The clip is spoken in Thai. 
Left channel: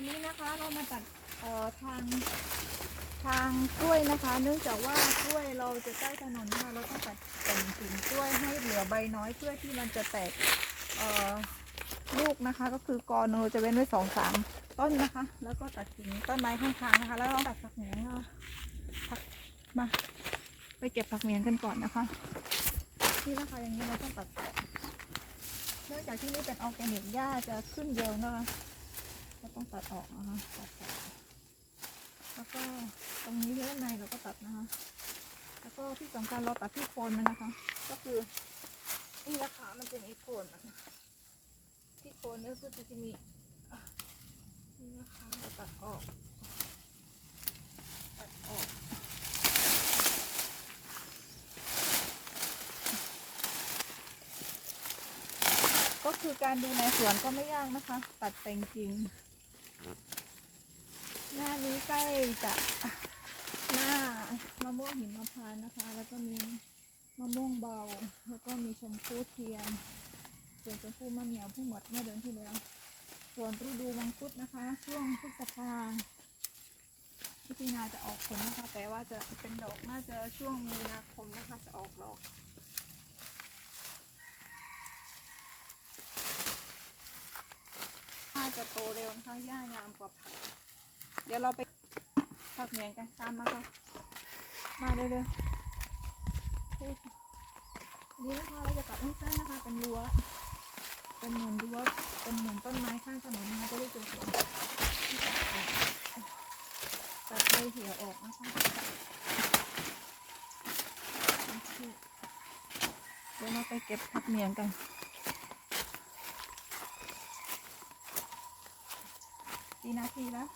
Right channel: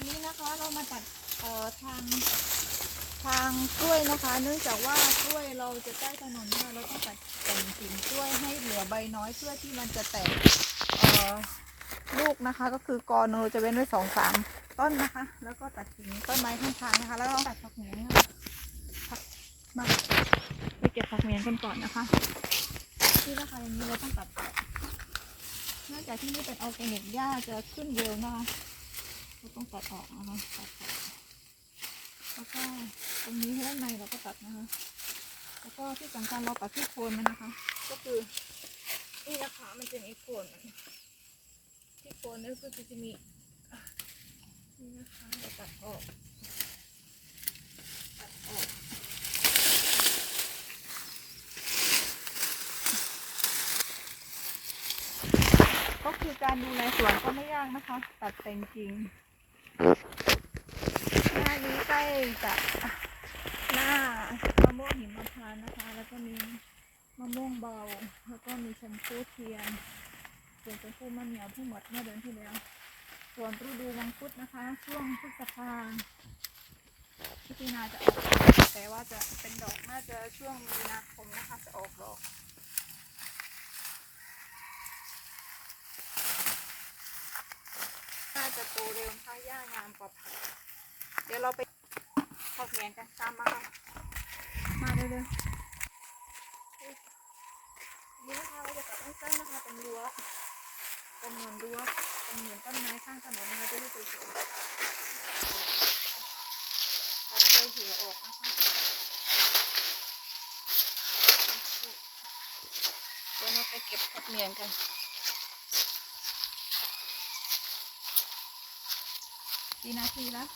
วันนี้นะคะเรามาตัดเอ่อทางทางกล้วยนะคะ เนื่องจากว่ากล้วยเราจะใกล้ถนนนะคะเราต้องตัดแต่งกิ่งกล้วยให้เหลือใบน้อยเพื่อที่มันจะแตกเอ่อลูกนะคะ ก็คือกอนเราจะเว้นไว้สองสามต้นนะคะ แล้วก็ตัดกิ่งต้นไม้ข้างๆนะคะ แล้วเราตัดผักเหนียงนะคะผักมาไปเก็บผักเหนียงกันก่อนนะคะที่นะคะอย่างนี้เราต้องตัดเนื่องจากที่นี่เป็นออร์แกนิกหญ้าจะขึ้นเร็วนะคะ เราต้องตัดออกนะคะตัดออกแล้วก็ตรงนี้ด้านในเราก็ตัดนะคะ แล้วก็ที่สำคัญเราตัดที่โคนมันนะคะ ก็คือนี่นะคะมันจะมีโคนมันที่โคนนี่ก็คือจะมีนี่นะคะเราตัดออกตัดออกก็คือการดูแลสวนก็ไม่ยากนะคะ ตัดแต่งกิ่ง หน้านี้ใกล้จะหน้ามะม่วงหิมพานต์นะคะ แล้วก็มีมะม่วงเบา แล้วก็มีชมพู่เทียน ส่วนชมพู่มะเหนียวเพิ่งหมดเมื่อเดือนที่แล้ว ส่วนฤดูมังคุดนะคะ ช่วงพฤษภาพิจนาจะออกดอก แต่ว่าจะเป็นดอกน่าจะช่วงมีนาคมนะคะจะออกดอก น่าจะโตเร็วนะคะหญ้างามกว่าผักเดี๋ยวเราไปผักเหมียนกันตามมาค่ะมาเร็วๆนี่นะคะเราจะตัดให้สั้นนะคะเป็นรั้วเป็นเหมือนรั้วเป็นเหมือนต้นไม้ข้างถนนนะคะจะได้สวยๆตัดใบเหี่ยวออกนะคะเดี๋ยวเราไปเก็บผักเหมียนกัน กี่นาทีแล้ว